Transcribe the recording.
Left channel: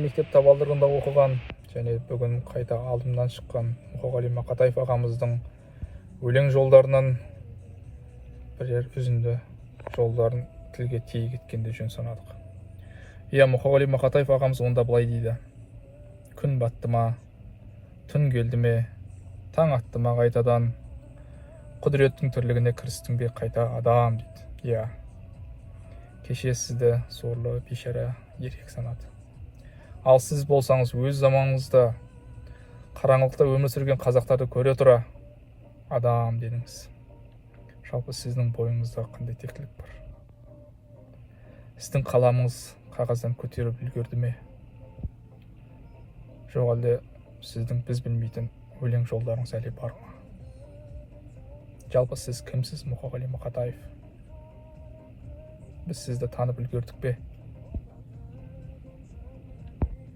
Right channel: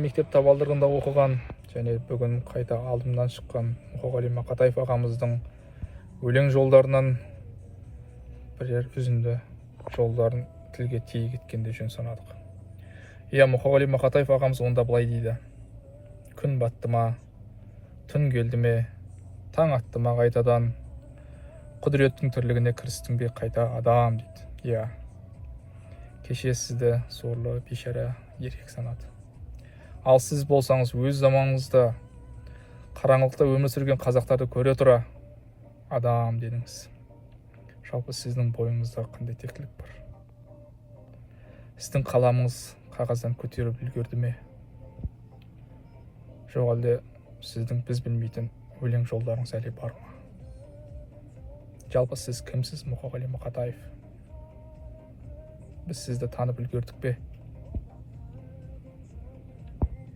Мектеп табалдырығында оқыған және бүгін қайта алдымнан шыққан Мұқағали Мақатаев ағамыздың өлең жолдарынан бірер үзінді жолдарын тілге тиек еткенде жөн санадық. Мұқағали Мақатаев ағамыз онда былай дейді: күн батты ма, түн келді ме, таң атты ма қайтадан, құдіреттің тірлігіне кірістің бе қайта адам дейді. Кеше сізді сорлы бейшара еркек санады. Ал сіз болсаңыз өз заманыңызда қараңғылықта өмір сүрген қазақтарды көре тұра адам дедіңіз. Жалпы сіздің бойыңызда қандай тектілік бар? Сіздің қаламыңыз қағаздан көтеріп үлгерді ме? Жоқ әлде сіздің біз білмейтін өлең жолдарыңыз әлі бар ма? Жалпы сіз кімсіз, Мұқағали Мақатаев? Біз сізді танып үлгердік пе?